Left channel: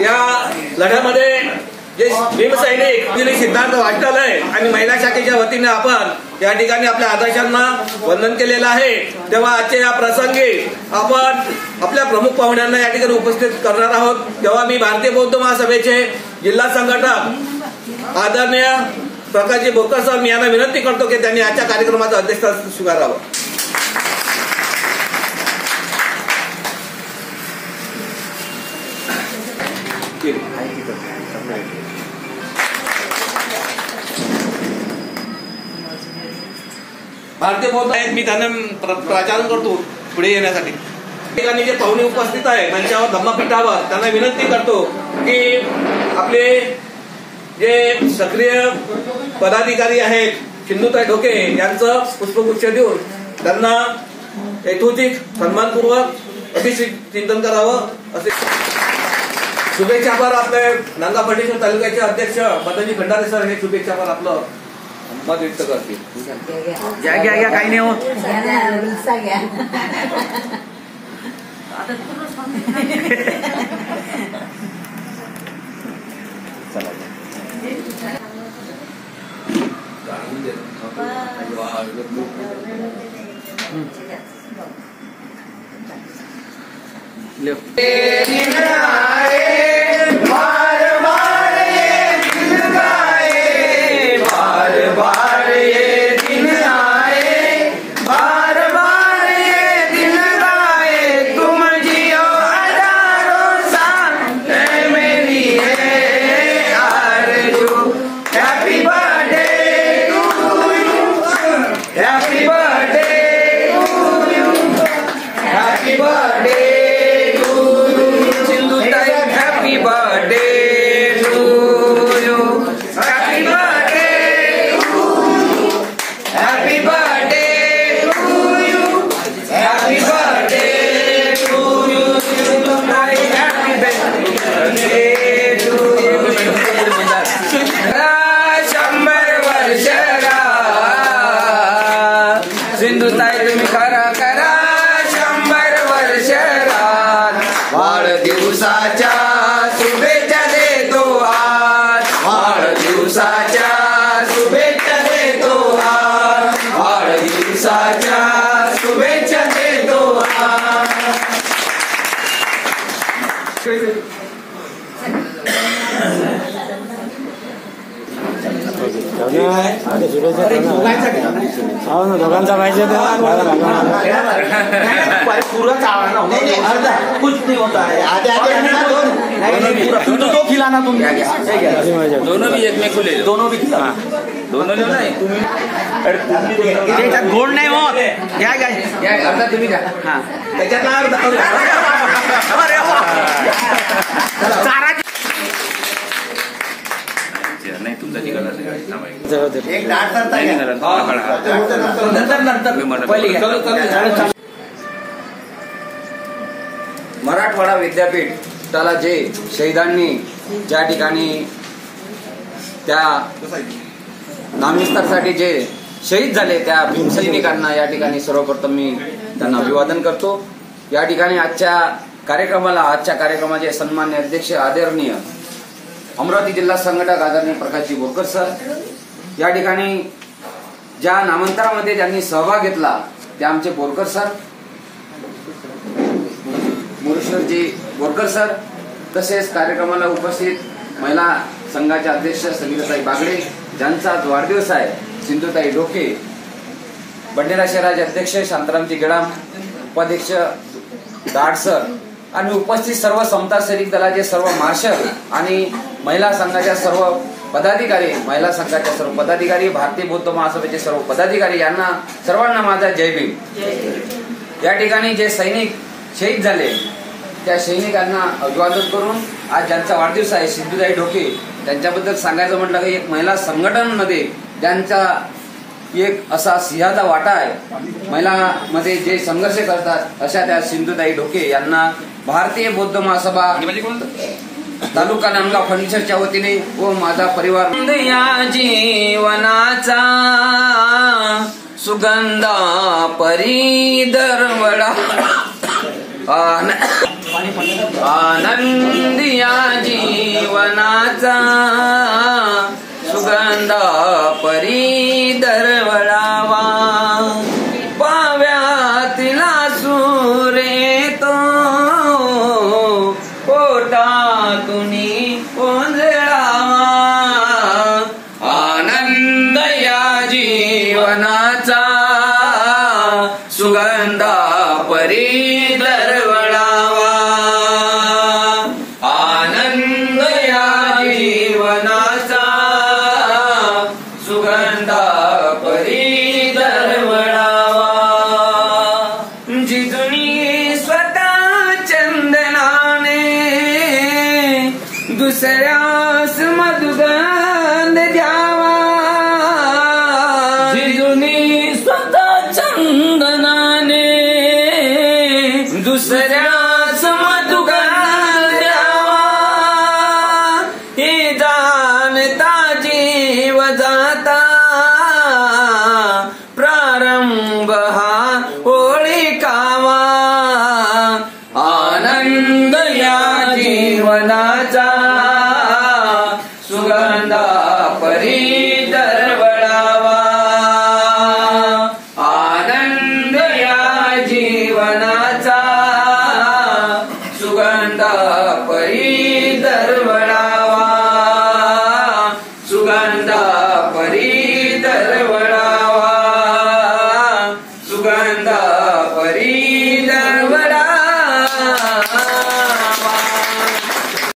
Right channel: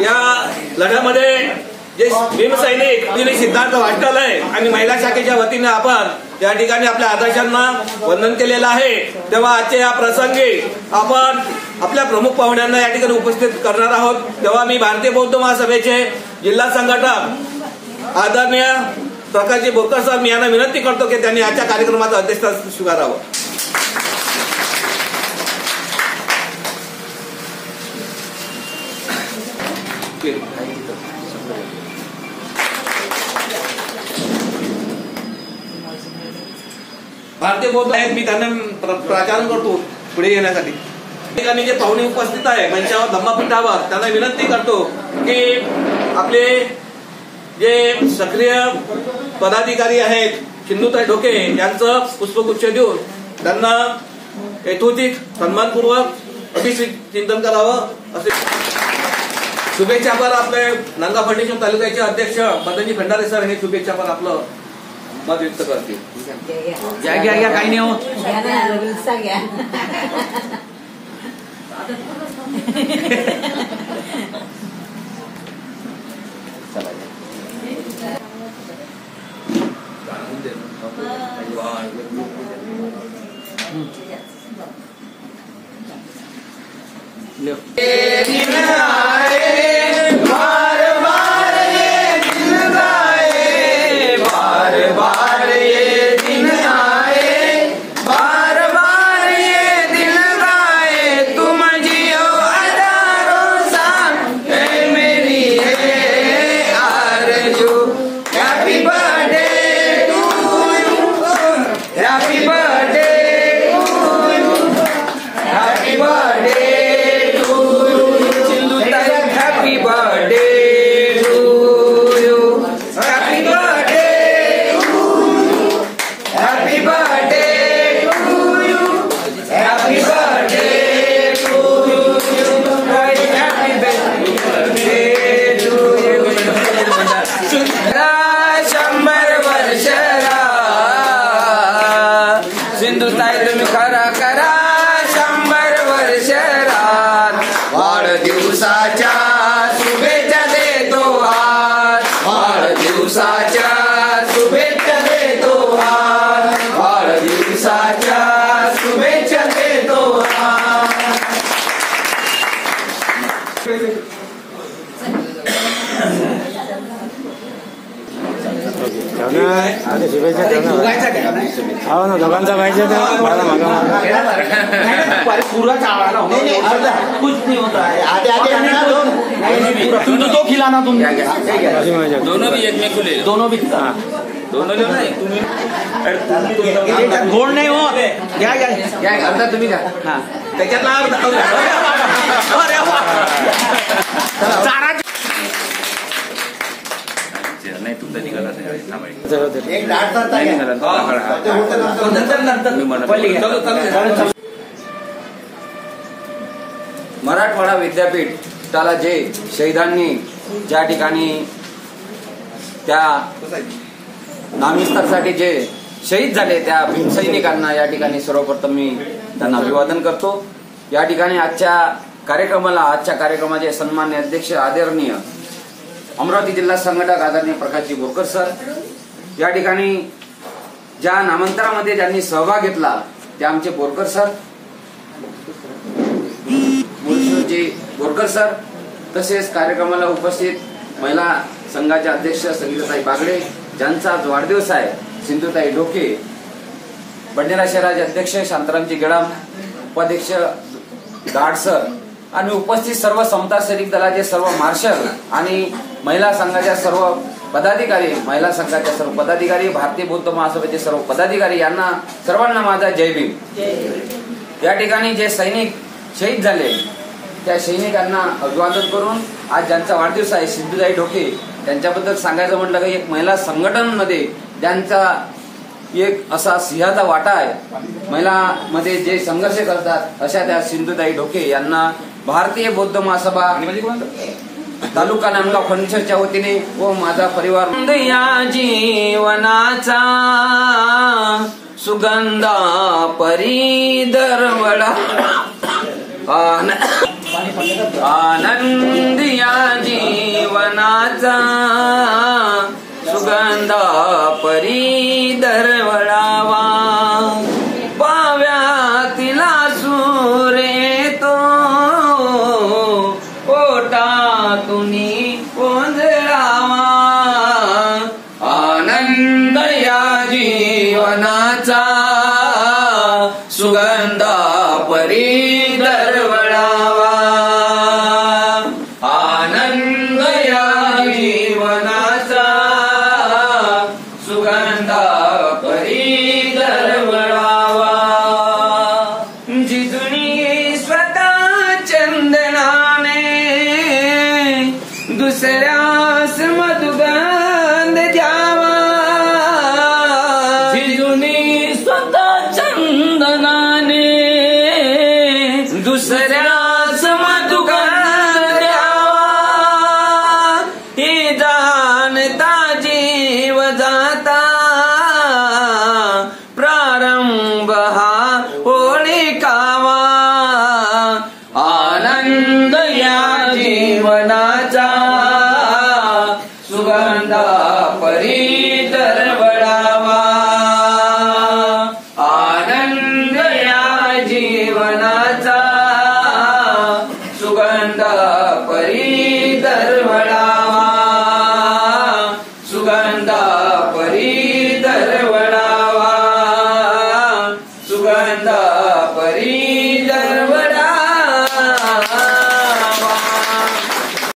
या लढ्यामध्ये जे भीमसैनिक सिद्धार्थ वाटचालय आणि महिला शाखेच्या वतीने आपण या ठिकाणी आपल्या आदर्शांना वंदन केलेलं आहे। तेव्हा आजच्या या प्रसंगी आपण आपल्या प्रमुख पाहुण्यांना या ठिकाणी उपस्थित करणार आहोत। तेव्हा मी भारतीय बौद्ध महासभेचे जिल्हा संघटक आदरणीय प्रकाशजी बोरकर सर मी यांना विनंती करतो की त्यांनी आजच्या कार्यक्रमाचं अध्यक्षस्थान स्वीकारावं। भारतीय बौद्ध आहेत मी त्यांना प्राचारण करतो पुढे येण्यासाठी। ठिकाणी जे पाहुणे उपस्थित आहेत त्यांच्यावर धम्मपीठावर त्यांना विनंती करतो की आपले जे सक्रिय पदाधिकारी आहेत सिंधुताई ढोके यांचं पुष्पगुच्छ देऊन त्यांना यथोचित सन्मानपूर्वक अभिचिंतन करावं असे शुभेच्छापर आपले नांदा फर्टिशन तालुक्याचे अध्यक्ष मदनजी खंडारे सर हे शुभेच्छापर आपलं मत व्यक्त करतील। घ्या घ्या घ्या काही नाही होत। सिंधुताई तुम्ही खरा करा 100 वर्ष वाढदिवसाच्या शुभेच्छा देतो आज वाढदिवसाच्या शुभेच्छा देतो आज वाढदिवसाच्या शुभेच्छा देतो आधी शुभेच्छा हो ना दोघांचा पाहिजे तर मला मागा दो खिलाना तुम दोनों भी एक में खुले दोनों भी गोड नाही होत घ्या घ्या अर्धा तुम्ही घ्या त्याच्यात नाही तुमचा निघाला मराठवाडा विद्यापीठाला जे शहीदांनी ज्या ठिकाणी त्या नामविस्तारासाठी जे शहीद झाले त्या भीमसैनिकांना या ठिकाणी सर्वप्रथम मी त्यांना अभिवादन करतो। या ठिकाणी आजच्या कार्यक्रमाचे सन्मान्य अध्यक्ष आदरणीय अमरावती जिल्हा संघटक आदरणीय प्रकाशजी बोरकर सर, या ठिकाणी ज्या नामांतरामध्ये ज्यांनी सहभाग घेतला ते आमचे बोरकर सर मुरुशजी बोरकर सर, तसेच कार्यक्रमाला उपस्थित महिला संघाचे अध्यक्ष संगीताताई बागडे ज्यांचा आज वाढदिवस आहे, सिंधुताई ढोके, बंडेरा शहराचे अध्यक्ष शांतारामजी गेडाम, उपाध्यक्ष दाडसर आणि उपस्थित सर्व समता सैनिक दलाचे सर्व मार्शल आणि महिला संघाच्या सर्व पदाधिकारी, महिला संघाच्या सर्व पदाधिकारी, भारतीय बौद्ध महासभेचे सर्व पदाधिकारी यांना सर्वांना माझा जय भीम। या ठिकाणी जे सैनिक शहीद झाले त्या सैनिकांना अभिवादन करून आज ज्यांचा वाढदिवस आहे सिंधुताई ढोके त्यांच्याबद्दल सांगायचं म्हटलं की एक महिला संघटनांमध्ये ज्यांचा एक असा सिंहाचा वाटा आहे, महिलांमध्ये जे संघर्ष करतात अशा त्या सिंधुताई ढोके यांना भारतीय बौद्ध महासभा तालुका नांदगाव फर्निचरच्या वतीने व माझा परिवार या जीवनाचा सुगंधा परी दरवडा आनंद या जीवनाचा सुगंधा परी दरवळावा पाव्यातला सूर्य तो पोटातून ओंजळावा आनंद या जीवनाचा सुगंधा परी दरवळावा आनंद या जीवनाचा सुगंधा परी दरवळावा जिजुनी स्वतः चंदनाने दुसऱ्यास मधुगंध द्यावा जिजुनी स्वतः चंदनाने दुसऱ्यास मधुगंध द्यावा हे जाणता जीव जाता प्रारंभ हा होळिकावा आनंद या जीवनाचा सुगंधा परी दरवळावा आनंद या जीवनाचा सुगंधा परी दरवळावा सुगंधा